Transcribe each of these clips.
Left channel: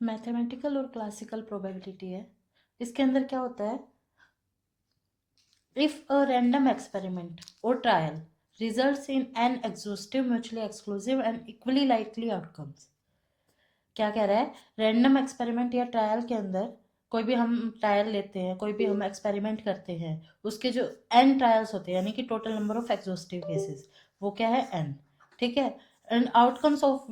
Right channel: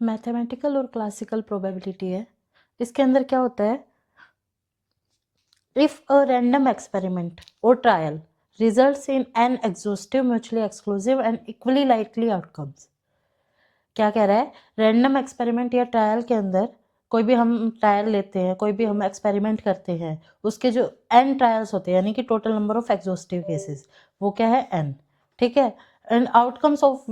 Mathematical और classical probability है। इसके अंदर क्या होता है, इफ अ रैंडम एक्सपेरिमेंट और trial results in an exhaustive mutually exclusive and equally likely outcomes. क्या कह रहा है, रैंडम एक्सपेरिमेंट या ट्रायल के अंदर कोई भी हम ट्रायल लेते हैं, कोई भी हम एक्सपेरिमेंट करते हैं, उसके जो एन ट्रायल्स होते हैं यानी कि total number of exhaustive cases, वो क्या है एन, ठीक है, and outcomes of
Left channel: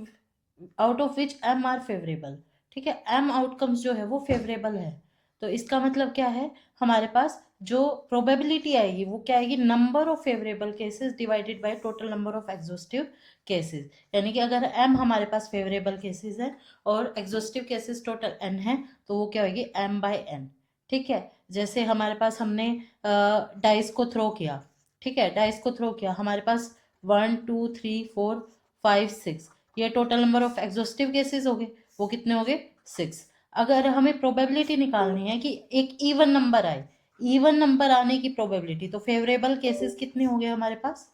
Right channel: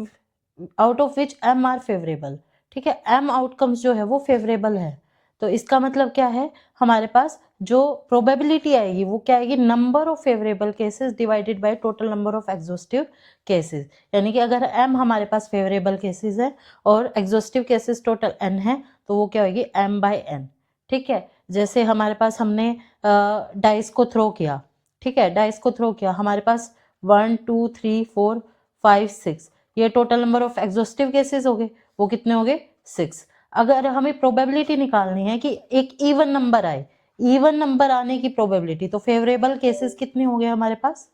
out of which M are favourable, ठीक है, एम आउटकम्स जो है वो फेवरेबल है। तो इसका मतलब क्या है, हमारे पास जो प्रोबेबिलिटी आएगी वो क्या आएगी, number of favourable cases divided by total number of exhaustive cases, यानी कि अगर एम हमारे पास फेवरेबल केसेस है और एग्जॉस्टिव केसेस टोटल एन है तो वो क्या होगी एम बाय एन, ठीक है। जैसे हमारे पास हमने डाइस को थ्रो किया, ठीक है, डाइस को थ्रो किया, हमारे पास 1 2 3 4 5 6, ये total number of exhaustive cases हो गए, वो कितने हो गए 6। अगर हमें प्रोबेबिलिटी निकालनी है कि एक इवन नंबर आए, इवन नंबर आने की प्रोबेबिलिटी, तो फेवरेबल केसेस कितने हो गए हमारे पास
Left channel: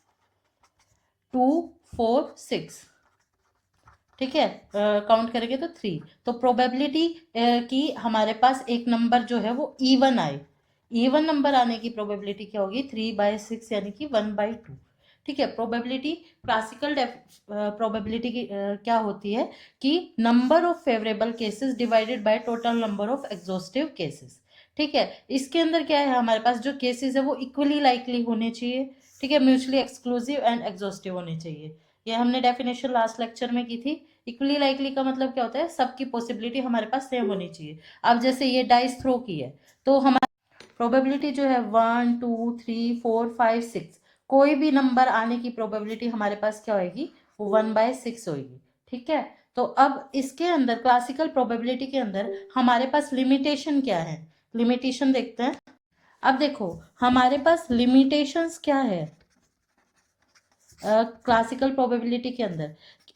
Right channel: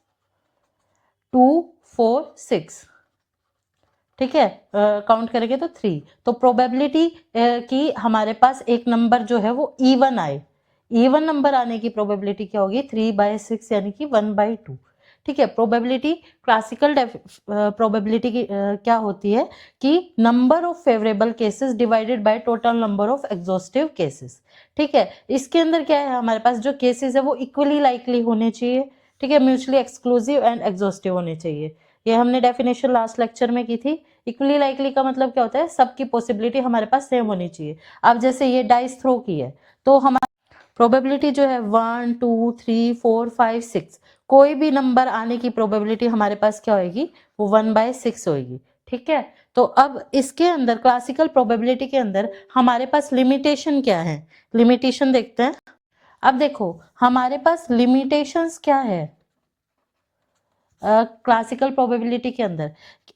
2 4 6, ठीक है, काउंट करेंगे तो 3। तो प्रोबेबिलिटी कि हमारे पास एक नंबर जो है वो इवन आए, इवन नंबर आने की प्रोबेबिलिटी क्या होगी 3/6 यानी कि 1/2, ठीक है। प्रोबेबिलिटी क्लासिकल प्रोबेबिलिटी की क्या होती है कि number of favourable cases divided by total number of exhaustive cases, ठीक है। इसके अंदर क्या है, हमारे पास जो केसेस है वो इक्वली लाइकली होने चाहिए, ठीक है, म्यूचुअली एक्सक्लूसिव एंड एग्जॉस्टिव होने चाहिए। ये हमने डेफिनेशन लास्ट लेक्चर में की थी। इक्वली लाइकली का मतलब क्या होता है, सबकी पॉसिबिलिटी हमारे पास सेम होनी चाहिए। अब जैसे ये डाइस थ्रो की है तो हमारी प्रोबेबिलिटी जो है 1 2 3 4 5 6, कोई भी नंबर आने की प्रोबेबिलिटी हमारे पास क्या होगी, वो 1/6 होगी, ठीक है। तो अब इसके अंदर क्लासिकल प्रोबेबिलिटी के अंदर हमारे पास लिमिटेशन क्या है, लिमिटेशन देखते हैं। अब देखो हमारे पास लिमिटेशंस क्या है क्लासिकल प्रोबेबिलिटी के अंदर,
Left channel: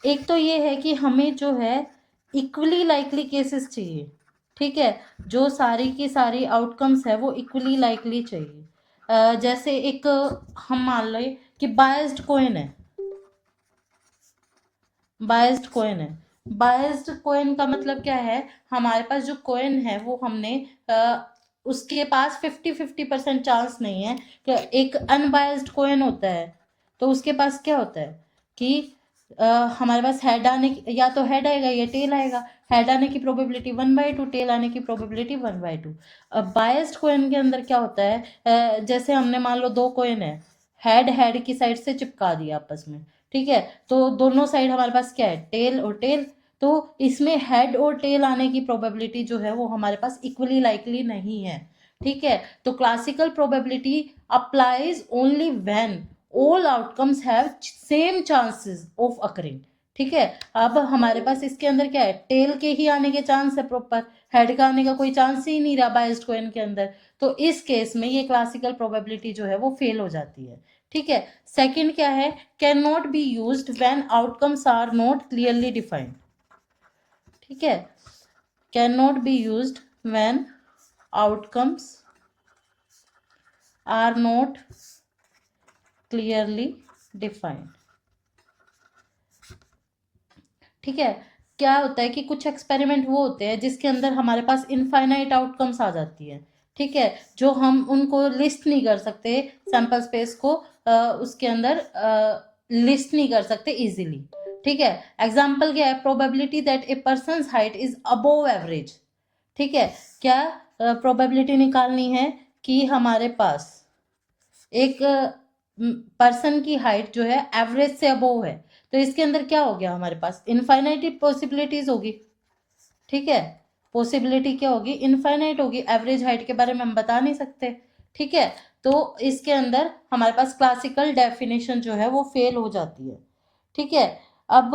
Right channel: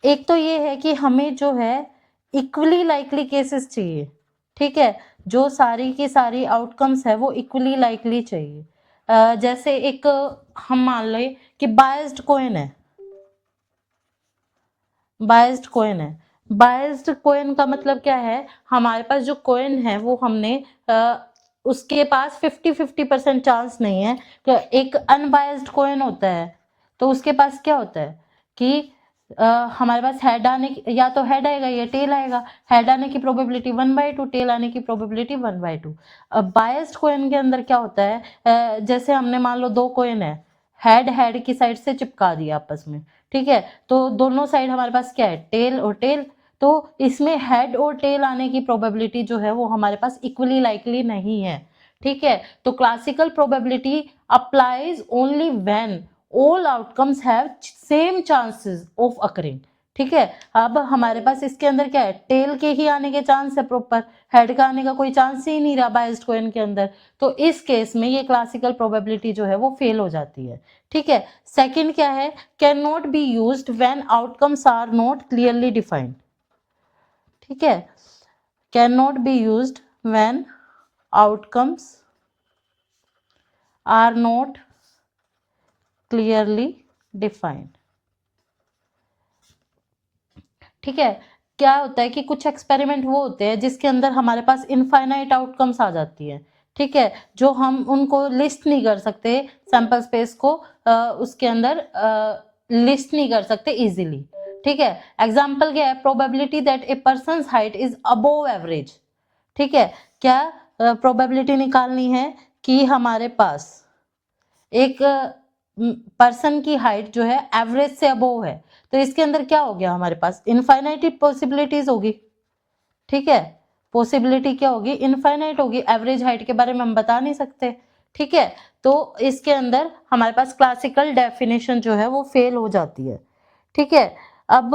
एक तो ये है कि हमें जो है इक्वली लाइकली केसेस चाहिए, ठीक है, जो सारी की सारी आउटकम्स है वो इक्वली लाइकली चाहिए। जैसे एक हम मान लें कि बायस्ड कॉइन है, बायस्ड कॉइन है, बायस्ड कॉइन का मतलब क्या है, हमारे पास जो कॉइन है वो हमने उसके पास 50-50% चांस नहीं है। तो एक अनबायस्ड कॉइन होता है तो उसके पास क्या होता है कि हमारे पास हेड आने या तो हेड आएगा या टेल आएगा, हेड आने की प्रोबेबिलिटी 1/2, टेल आने की प्रोबेबिलिटी 1/2। अब बायस्ड कॉइन के अंदर क्या होता है, जैसे हमने मान लो दो कॉइन है, हेड हेड की साइड से चिपका दिया आपस में, ठीक है, तो दोनों साइड हमारे पास क्या है टेल और टेल, तो इसमें हेड और टेल आने की प्रोबेबिलिटी जो है वो हमारे पास इक्वली लाइकली नहीं है, ठीक है। तो classical probability applies only when all outcomes have same chances of occurring, ठीक है। अब हमारे पास इसके अंदर क्या है, टेल के ही आने के चांस है प्रॉपर, हेड का आने का कोई चांस ही नहीं रहा बायस्ड कॉइन के अंदर, तो इस केस में ये क्लासिकल प्रोबेबिलिटी जो है वो फेल हो जाती है, ठीक है। सेकंड क्या है, can not be used when outcomes are not clearly defined, ठीक है, can not be used when outcomes are not clearly defined, ठीक है। क्या होता है कि कुछ एक्सपेरिमेंट वो होते हैं जिसके अंदर हमारे पास इनफाइनाइट आउटकम्स आ जाती है, ठीक है, जो हम उनको लिस्ट नहीं कर सकते, सैंपल स्पेस को उसके अंदर लिस्ट नहीं कर सकते इजीली, ठीक है। एग्जांपल क्या है, probability that a person height is above average, ठीक है। क्या प्रोबेबिलिटी निकालनी है कि हमारे पास एक पर्सन की हाइट जो है एवरेज से अबोव है, तो इसके अंदर क्या हो गया, हमारे पास इनफाइनाइट पॉसिबिलिटीज होगी, ठीक है, पॉसिबिलिटी क्या होगी इनफाइनाइट होगी, एवरेज हाइट के बारे में हम बता नहीं सकते, ठीक है। तो इसके अंदर हमारे पास क्लासिकल डेफिनेशन जो है वो फेल हो जाती है, ठीक है। अब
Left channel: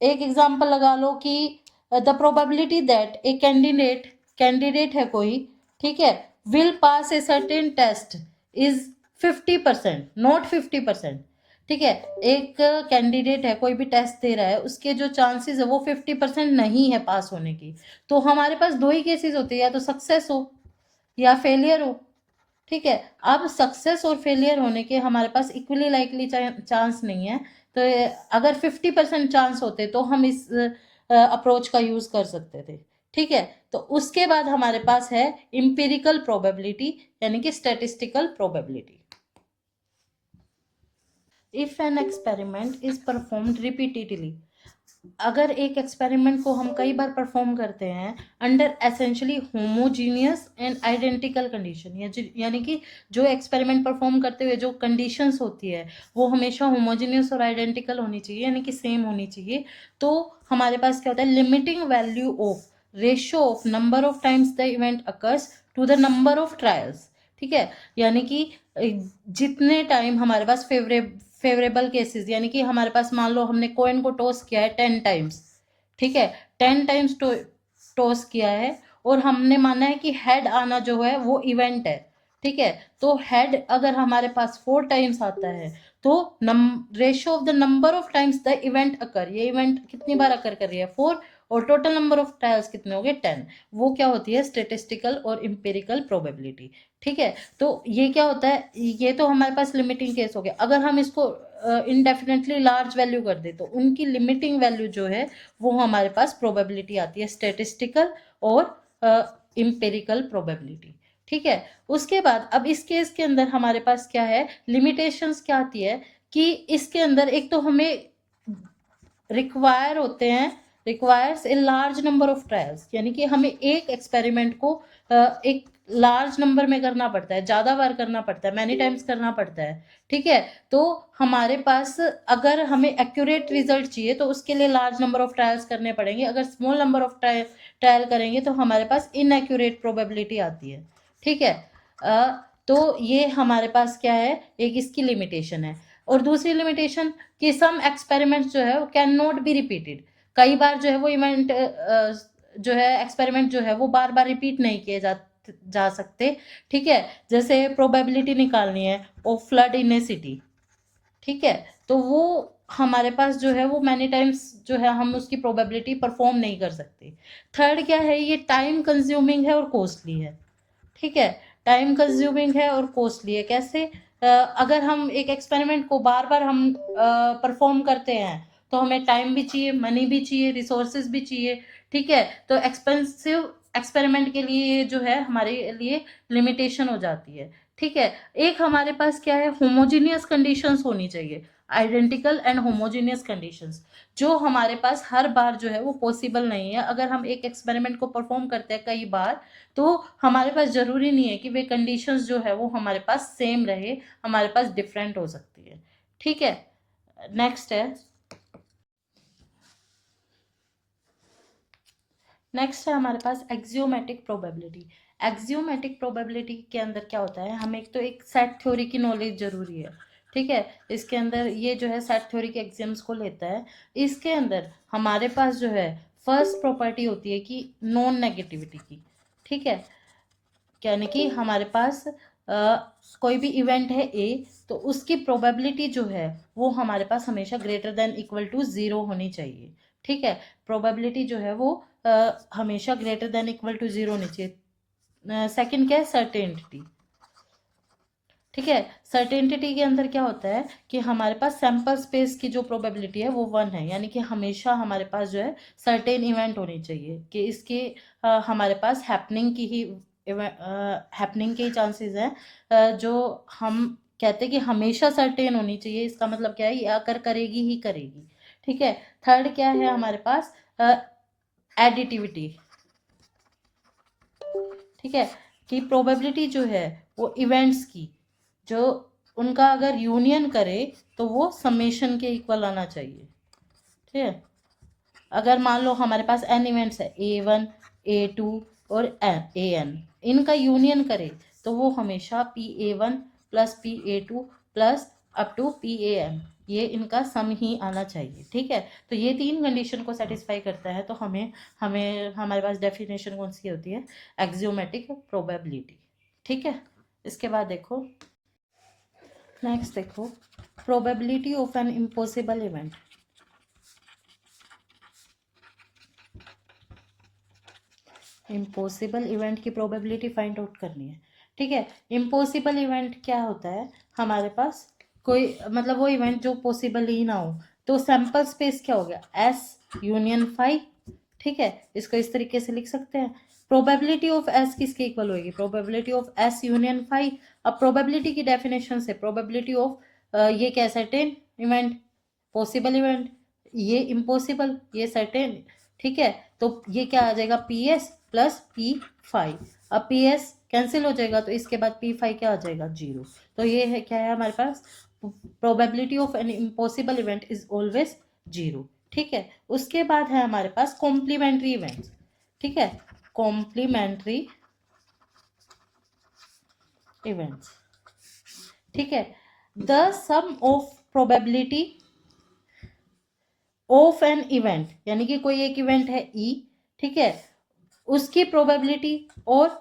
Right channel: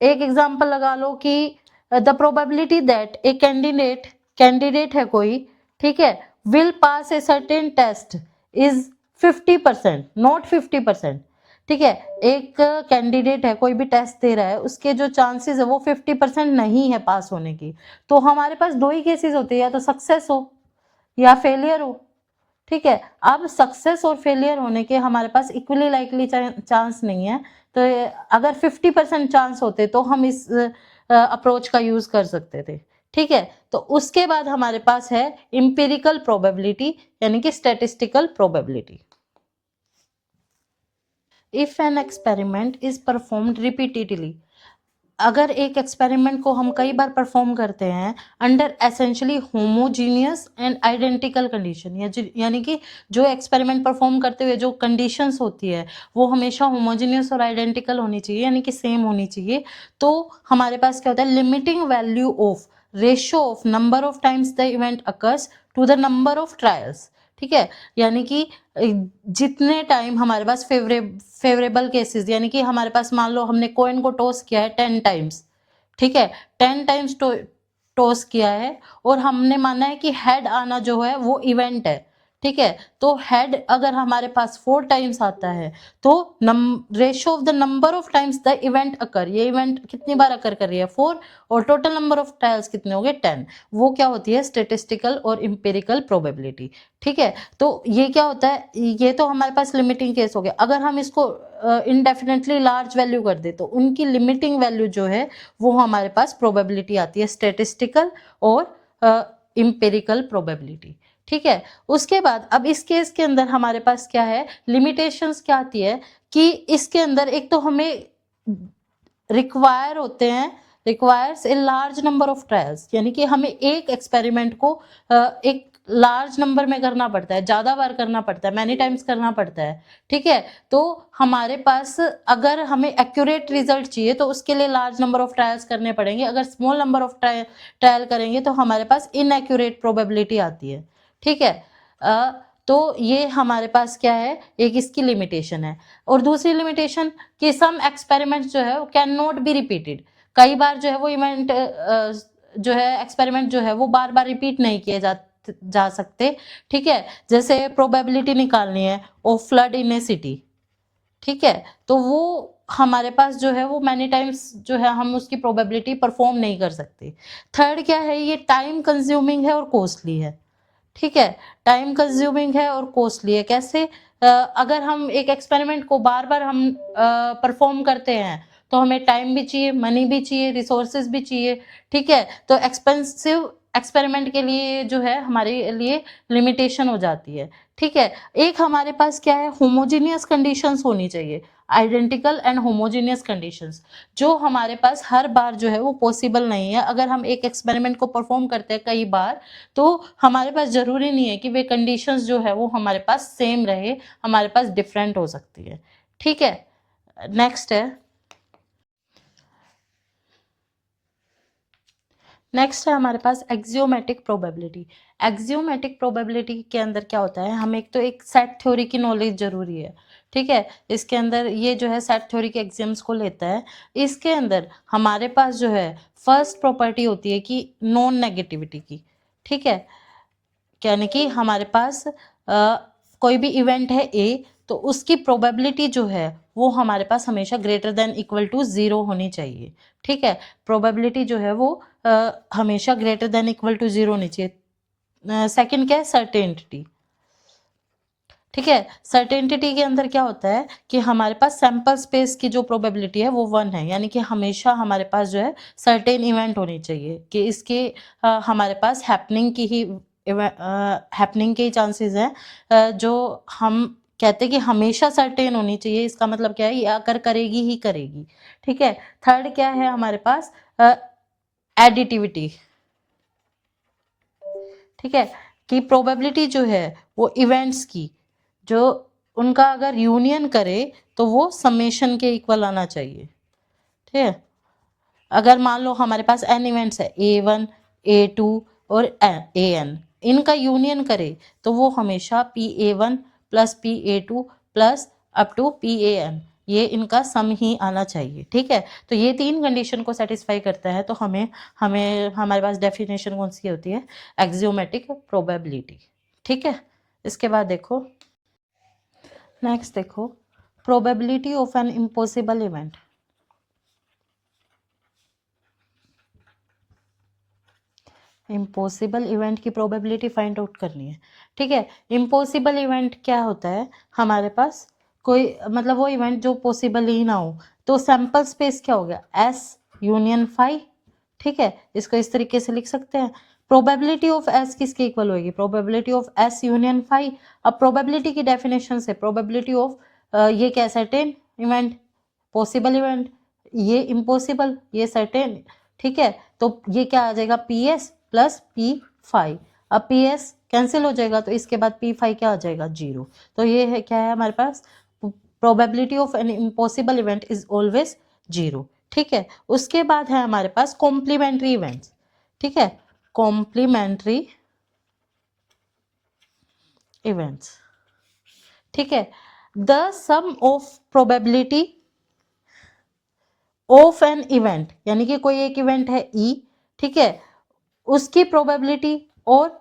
एक एग्जांपल लगा लो कि the probability that a candidate है कोई, ठीक है, will pass a certain test is 50%, not 50%, ठीक है। एक कैंडिडेट है, कोई भी टेस्ट दे रहा है, उसके जो चांसेस है वो 50% नहीं है पास होने की, तो हमारे पास दो ही केसेस होते हैं, या तो सक्सेस हो या फेलियर हो, ठीक है। अब सक्सेस और फेलियर होने के हमारे पास इक्वली लाइकली चांस नहीं है, तो अगर 50% चांस होते तो हम इस अप्रोच का यूज कर सकते थे। ठीक है, तो उसके बाद हमारे पास है इंपेरिकल प्रोबेबिलिटी यानी कि statistical probability. If an experiment is performed repeatedly, अगर एक एक्सपेरिमेंट को हम कई बार परफॉर्म करते हैं under essentially homogeneous and identical condition, यानी कि जो एक्सपेरिमेंट परफॉर्म करते हुए जो कंडीशंस होती है वो हमेशा होमोजीनियस और आइडेंटिकल होनी चाहिए, यानी कि सेम होनी चाहिए। तो हमारे पास क्या होता है, limiting value of ratio of number of times the event occurs to the number of trials. ठीक है, यानी कि जितने टाइम हमारे पास फेवरेबल केसेस, यानी कि हमारे पास मान लो हमने कॉइन को टॉस किया है 10 टाइम्स, ठीक है, 10 टाइम्स टॉस किया है और हमने माना है कि हेड आना जो है वो इवेंट है। ठीक है, तो हेड अगर हमारे पास 4 टाइम्स आता है तो ratio of the number of times the event occur, ये इवेंट कितनी बार अकर कर रही है 4, और टोटल नंबर ऑफ ट्रायल्स कितने हो गए 10, वो क्या होती है स्टेटिस्टिकल और इंपेरिकल प्रोबेबिलिटी। ठीक है, तो ये क्या होता है, ये तो हमारे पास लिमिटिंग केस हो गया। अगर हम इसको इनडेफिनेटली लार्ज वैल्यू कर दे तो उनकी लिमिटिंग वैल्यू जो है वो हमारे पास प्रोबेबिलिटी आती है स्टेटिस्टिकल और इंपेरिकल प्रोबेबिलिटी। ठीक है, उसके बाद अब इस केस के अंदर हमारे पास क्या है, लिमिटेशंस क्या आती है कि इसके अंदर एक तो हमें रिक्वायर होते हैं, requires a large number of trials, यानी कि हमें एक एक्सपेरिमेंट को एक लार्ज नंबर में करना पड़ता है, ज़्यादा बार करना पड़ता है, मैनी टाइम्स करना पड़ता है। ठीक है, तो हमारे पास अगर हमें एक्यूरेट रिजल्ट चाहिए तो उसके लिए लार्ज नंबर ऑफ ट्रायल्स करने पड़ेंगे। अगर स्मॉल नंबर ऑफ ट्रायल करेंगे तो हमारे पास इनएक्यूरेट प्रोबेबिलिटी आती है। ठीक है, तो ये हमारे पास क्या है, एक इसकी लिमिटेशन है। और दूसरी लिमिटेशन कि सम एक्सपेरिमेंट्स जो है वो कैन नॉट बी रिपीटेड, कई बार जो है वो इवेंट जो है एक्सपेरिमेंट जो है वो बार बार रिपीट नहीं किए जा सकते। ठीक है, जैसे प्रोबेबिलिटी निकालनी है of flood in A city. ठीक है, तो वो हमारे पास जो है वो मैनी टाइम्स जो है हम उसकी प्रोबेबिलिटी परफॉर्म नहीं कर सकते। थर्ड क्या है, ये टाइम कंज्यूमिंग है और कॉस्टली है। ठीक है, टाइम कंज्यूमिंग है और कॉस्टली है। कैसे, अगर हम एक एक्सपेरिमेंट को बार बार हम परफॉर्म करते हैं तो हमें टाइम भी चाहिए, मनी भी चाहिए, रिसोर्सेज भी चाहिए। ठीक है, तो एक्सपेंसिव एक्सपेरिमेंट के लिए जो है हमारे लिए लिमिटेशन हो जाती है। ठीक है, एक हमारे पास क्या है, होमोजीनियस कंडीशंस होनी चाहिए, आइडेंटिकल एंड होमोजीनियस कंडीशंस, जो हमारे पास हर बार जो है वो पॉसिबल नहीं है। अगर हम एक एक्सपेरिमेंट को परफॉर्म करते हैं कई बार तो हमारे पास ज़रूरी नहीं है कि वे कंडीशंस जो है वो हमारे पास सेम रहे, हमारे पास डिफरेंट हो सकती है। ठीक है, नेक्स्ट है हमारे पास एक्सियोमेटिक प्रोबेबिलिटी। एक्सियोमेटिक प्रोबेबिलिटी के अंदर क्या होता है, हम एक तो एक सेट थ्योरी की नॉलेज जरूरी है। ठीक है, इसके अंदर ये जो है सेट थ्योरी के एग्जाम्स को लेता है। इसके अंदर हमारे पास जो है फर्स्ट प्रॉपर्टी होती है कि नॉन नेगेटिविटी की। ठीक है, यानी कि हमारे पास कोई भी इवेंट है ए, तो उसकी प्रोबेबिलिटी जो है वो हमारे पास हमेशा ग्रेटर देन इक्वल टू 0 होनी चाहिए। ठीक है, प्रोबेबिलिटी जो है वो हमेशा ग्रेटर देन इक्वल टू 0 होनी चाहिए। सेकंड क्या है, सर्टेनिटी। ठीक है, सर्टेनिटी के अंदर क्या होता है कि हमारे पास सैंपल स्पेस की जो प्रोबेबिलिटी है वो 1 है, यानी कि हमेशा हमारे पास जो है सर्टेन इवेंट होनी चाहिए कि इसके हमारे पास हैपनिंग की ही हैपनिंग के ही चांसेस हैं, जो हम कहते हैं कि हमेशा सर्टेन होनी चाहिए। इसका मतलब क्या है, ये अगर करेगी ही करेगी। ठीक है, थर्ड क्या है हमारे पास, एडिटिविटी। ठीक है, कि प्रोबेबिलिटी जो है वो इवेंट्स की जो उनका अगर यूनियन करे तो वो समेशन के इक्वल आना चाहिए। ठीक है, अगर मान लो हमारे पास एन इवेंट्स है A1 A2 और AN, इनका यूनियन करे तो वो हमेशा PA1 plus PA2 plus up to PAN, ये इनका सम ही आना चाहिए। ठीक है, तो ये तीन कंडीशन को सेटिस्फाई करता है तो हमें हमें हमारे पास डेफिनेशन कौन सी होती है, एक्सियोमेटिक प्रोबेबिलिटी। ठीक है, इसके बाद देखो नेक्स्ट, देखो probability of an impossible event. Impossible event की प्रोबेबिलिटी फाइंड आउट करनी है। ठीक है, इम्पॉसिबल इवेंट क्या होता है, हमारे पास कोई मतलब वो इवेंट जो पॉसिबल ही ना हो। तो सैंपल स्पेस क्या हो गया, S यूनियन फाई। ठीक है, इसको इस तरीके से लिख सकते हैं। प्रोबेबिलिटी ऑफ एस किसके इक्वल होगी? Probability of S union phi. अब प्रोबेबिलिटी की डेफिनेशन से प्रोबेबिलिटी ऑफ ये क्या है? सर्टेन इवेंट, पॉसिबल इवेंट, ये इम्पॉसिबल, ये सर्टेन। ठीक है, तो ये क्या आ जाएगा? P S plus P phi. अब पी एस कैंसिल हो जाएगा तो इसके बाद पी फाई क्या आ जाएगा? 0। तो ये है क्या है हमारे पास? Probability of an impossible event is always 0। ठीक है, उसके बाद है हमारे पास कॉम्प्लीमेंट्री इवेंट्स। ठीक है, कॉम्प्लीमेंट्री इवेंट्स। ठीक है, the sum of probability of an event, यानी कि कोई एक इवेंट है ई, ठीक है, उसकी प्रोबेबिलिटी और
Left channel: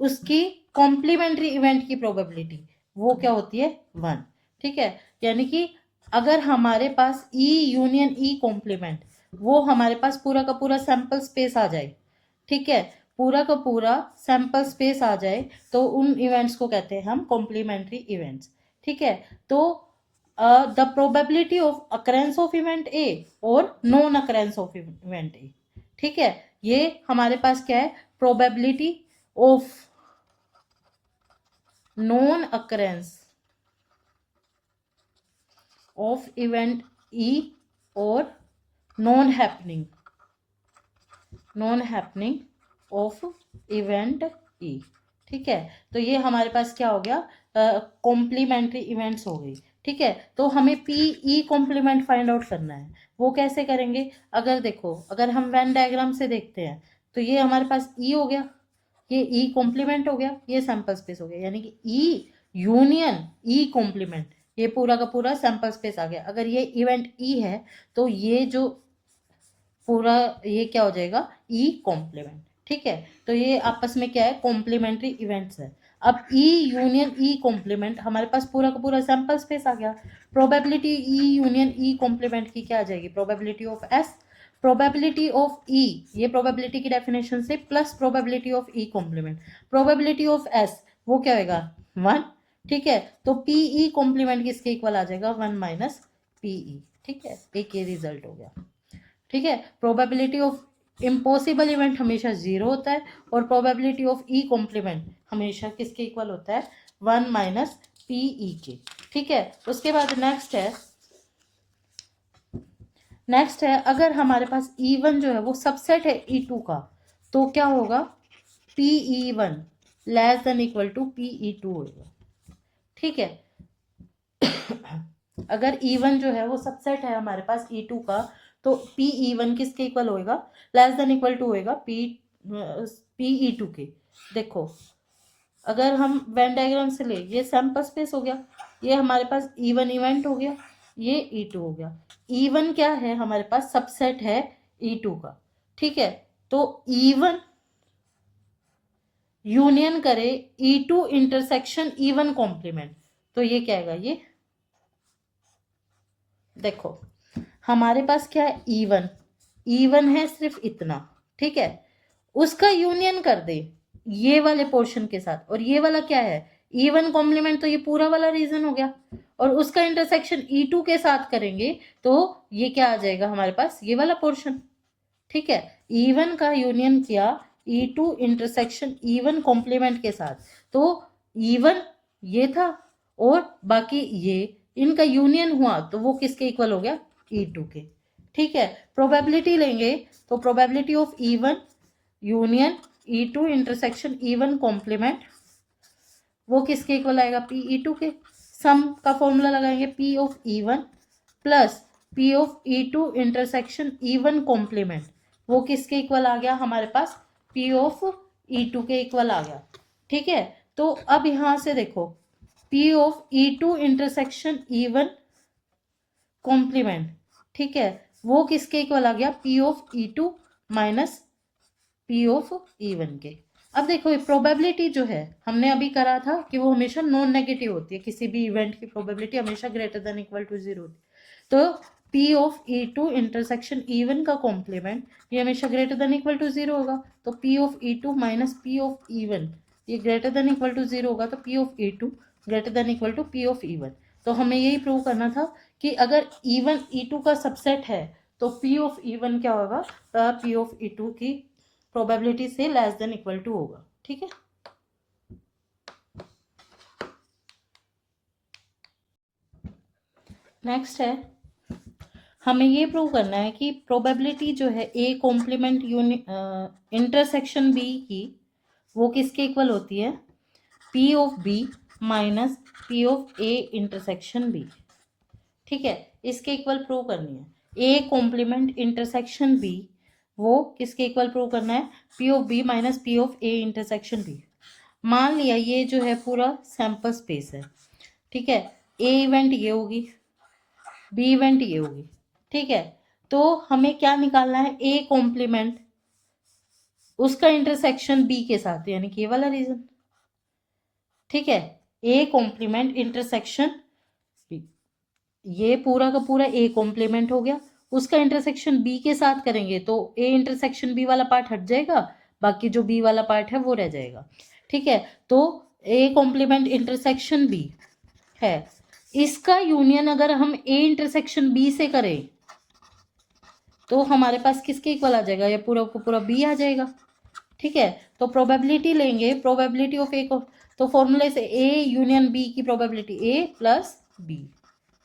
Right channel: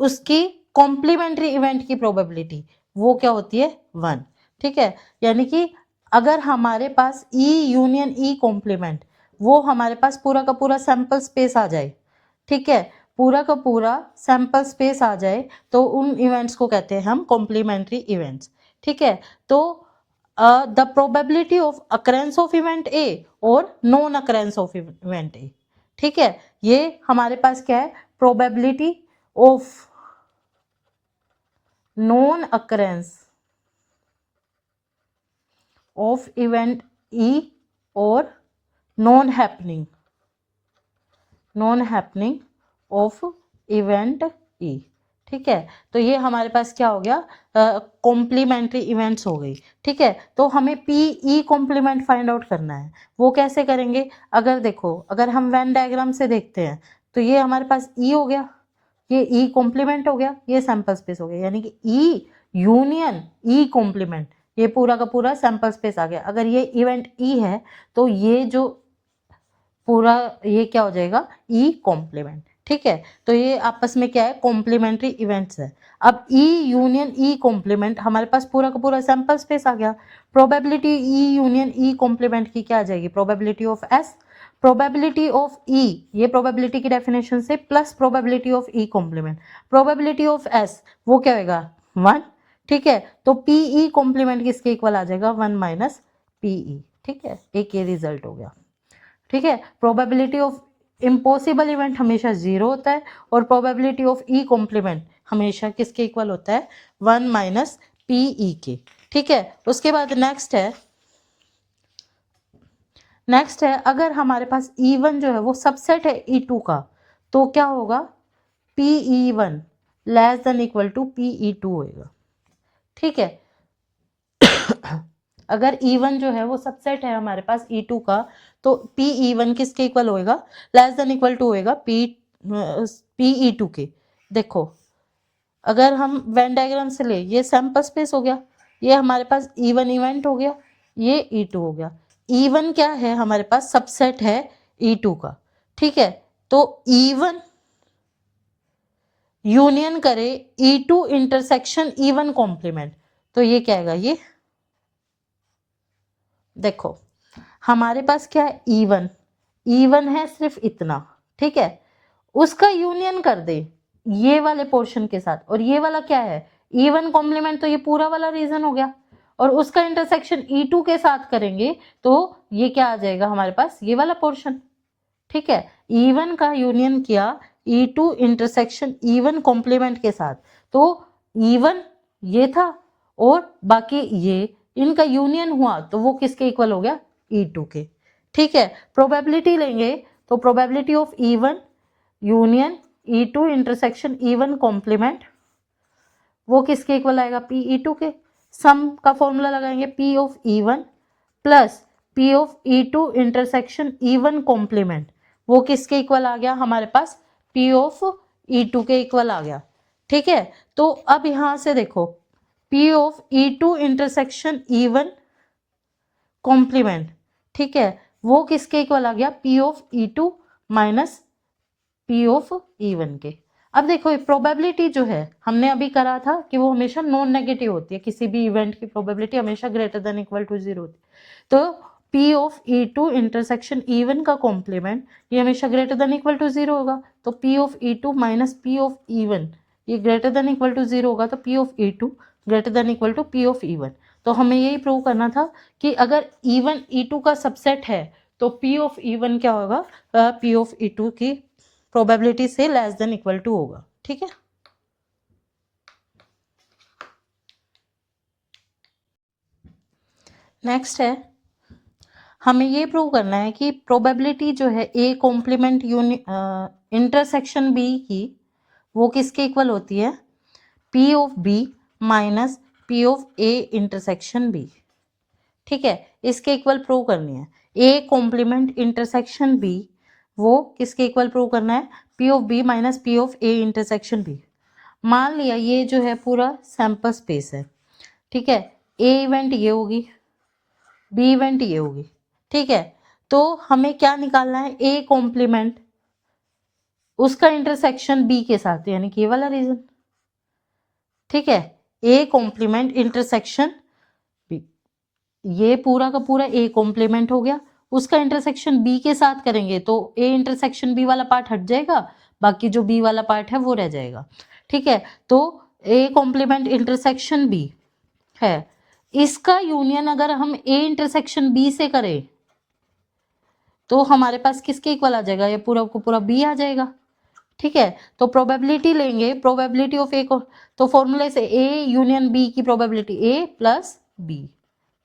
उसकी कॉम्प्लीमेंट्री इवेंट की प्रोबेबिलिटी वो क्या होती है? 1। ठीक है, यानी कि अगर हमारे पास ई यूनियन ई कॉम्प्लीमेंट, वो हमारे पास पूरा का पूरा सैंपल स्पेस आ जाए, ठीक है, पूरा का पूरा सैंपल स्पेस आ जाए, तो उन इवेंट्स को कहते हैं हम कॉम्प्लीमेंट्री इवेंट्स। ठीक है, तो the probability of occurrence of event A और non occurrence of event A. ठीक है, ये हमारे पास क्या है? Probability of non occurrence of event E और non happening of event E. ठीक है, तो ये हमारे पास क्या हो गया? कॉम्प्लीमेंट्री इवेंट्स हो गई। ठीक है, तो हमें P E complement find out करना है। वो कैसे करेंगे? अगर देखो, अगर हम वेन डायग्राम से देखते हैं तो ये हमारे पास ई हो गया, ये ई कॉम्प्लीमेंट हो गया, ये सैंपल स्पेस हो गया, यानी कि ई यूनियन ई कॉम्प्लीमेंट, ये पूरा का पूरा सैंपल स्पेस आ गया। अगर ये इवेंट ई है तो ये जो पूरा ये क्या हो जाएगा? E complement. ठीक है, तो ये आपस में क्या है? कॉम्प्लीमेंट्री इवेंट्स है। अब ई यूनियन ई कॉम्प्लीमेंट, हमारे पास पूरा का पूरा सैंपल स्पेस आ गया। Probability E union E complement की क्या आ जाएगी? Probability of S, probability of E, ये प्रोबेबिलिटी की डेफिनेशन से, plus probability of E complement. Probability of S वो क्या होगा? 1। ठीक है, तो पी ई कॉम्प्लीमेंट किसके इक्वल आ जाएगा? 1 माइनस पी ई। ठीक है, एक ये रिजल्ट हो गया। ठीक है, प्रोबेबिलिटी ऑफ इम्पॉसिबल इवेंट हमेशा 0 होता है और प्रोबेबिलिटी ऑफ ई कॉम्प्लीमेंट हमेशा किसके इक्वल होता है? 1 माइनस पी ई के। ठीक है, उसके बाद नेक्स्ट है अगर हमारे पास E1 जो है वो सबसेट है E2 का, तो क्या होगा? PE1 less than equal to PE2 होगा। ठीक है, अगर E1 जो है वो सबसेट है हमारे पास E2 का, तो PE1 किसके इक्वल होएगा? लेस देन इक्वल टू होएगा PE2 के। देखो, अगर हम वेन डायग्राम से ले, ये सैंपल स्पेस हो गया, ये हमारे पास E1 इवेंट हो गया, ये E2 हो गया। E1 क्या है? हमारे पास सबसेट है E2 का। ठीक है, तो E1 यूनियन करे E2 इंटरसेक्शन E1 कॉम्प्लीमेंट, तो ये क्या आएगा? ये देखो, हमारे पास क्या है? E1 है सिर्फ इतना। ठीक है, उसका यूनियन कर दे ये वाले पोर्शन के साथ, और ये वाला क्या है? E1 कॉम्प्लीमेंट, तो ये पूरा वाला रीजन हो गया, और उसका इंटरसेक्शन E2 के साथ करेंगे तो ये क्या आ जाएगा हमारे पास? ये वाला पोर्शन। ठीक है, E1 का यूनियन किया E2 इंटरसेक्शन E1 कॉम्प्लीमेंट के साथ, तो E1 ये था और बाकी ये, इनका यूनियन हुआ तो वो किसके इक्वल हो गया? E2 के। ठीक है, प्रोबेबिलिटी लेंगे तो probability of E1 union E2 intersection E1 complement वो किसके इक्वल आएगा? PE2 के। सम का फॉर्मूला लगाएंगे, P of E1 plus P of E2 intersection E1 complement, वो किसके इक्वल आ गया हमारे पास? P ऑफ E2 के इक्वल आ गया। ठीक है, तो अब यहां से देखो, P of E2 intersection E1 complement, ठीक है, वो किसके इक्वल आ गया? P of E2 minus P of E1 के। अब देखो, प्रोबेबिलिटी जो है हमने अभी करा था कि वो हमेशा नॉन नेगेटिव होती है, किसी भी इवेंट की प्रोबेबिलिटी हमेशा ग्रेटर देन इक्वल टू 0 होती है। तो P of E2 intersection E1 का कॉम्प्लीमेंट ये हमेशा ग्रेटर देन इक्वल टू 0 होगा, तो P of E2 minus P of E1 ये ग्रेटर देन इक्वल टू 0 होगा, तो P of E2 greater than equal to P of E1। तो हमें यही प्रूव करना था कि अगर E1 E2 का सबसेट है तो P ऑफ E1 क्या होगा, P ऑफ E2 की प्रोबेबिलिटी से लेस देन इक्वल टू होगा। ठीक है, नेक्स्ट है, हमें ये प्रूव करना है कि प्रोबेबिलिटी जो है A कॉम्प्लीमेंट इंटरसेक्शन B की वो किसके इक्वल होती है, P of B minus P of A intersection B। ठीक है, इसके इक्वल प्रूव करनी है। A कॉम्प्लीमेंट इंटरसेक्शन B वो किसके इक्वल प्रूव करना है, P of B minus P of A intersection B। मान लिया ये जो है पूरा सैंपल स्पेस है। ठीक है, A इवेंट ये होगी, B इवेंट ये होगी। ठीक है, तो हमें क्या निकालना है, A कॉम्प्लीमेंट उसका इंटरसेक्शन B के साथ, यानी कि ये वाला रीजन। ठीक है, A कॉम्प्लीमेंट इंटरसेक्शन B, ये पूरा का पूरा A कॉम्प्लीमेंट हो गया, उसका इंटरसेक्शन B के साथ करेंगे तो A इंटरसेक्शन B वाला पार्ट हट जाएगा, बाकी जो B वाला पार्ट है वो रह जाएगा। ठीक है, तो A कॉम्प्लीमेंट इंटरसेक्शन B है, इसका यूनियन अगर हम A इंटरसेक्शन B से करें तो हमारे पास किसके इक्वल आ जाएगा, ये पूरा को पूरा B आ जाएगा। ठीक है, तो प्रोबेबिलिटी लेंगे, प्रोबेबिलिटी ऑफ A को, तो फॉर्मूले से A यूनियन B की प्रोबेबिलिटी A प्लस B।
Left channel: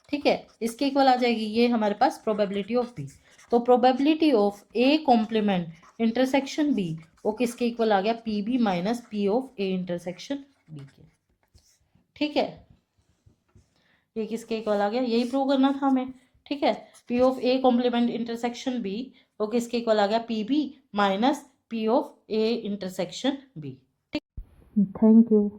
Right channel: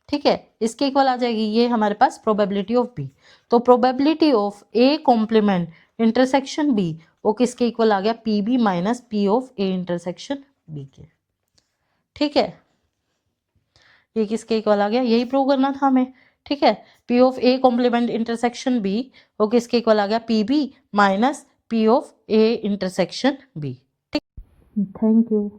ठीक है, इसके इक्वल आ जाएगी ये हमारे पास प्रोबेबिलिटी ऑफ B। तो probability of A complement intersection B वो किसके इक्वल आ गया, PB minus P of A intersection B के। ठीक है, ये किसके इक्वल आ गया, यही प्रूव करना था हमें। ठीक है, P of A complement intersection B वो किसके इक्वल आ गया, PB minus P of A intersection B। ठीक, थैंक यू।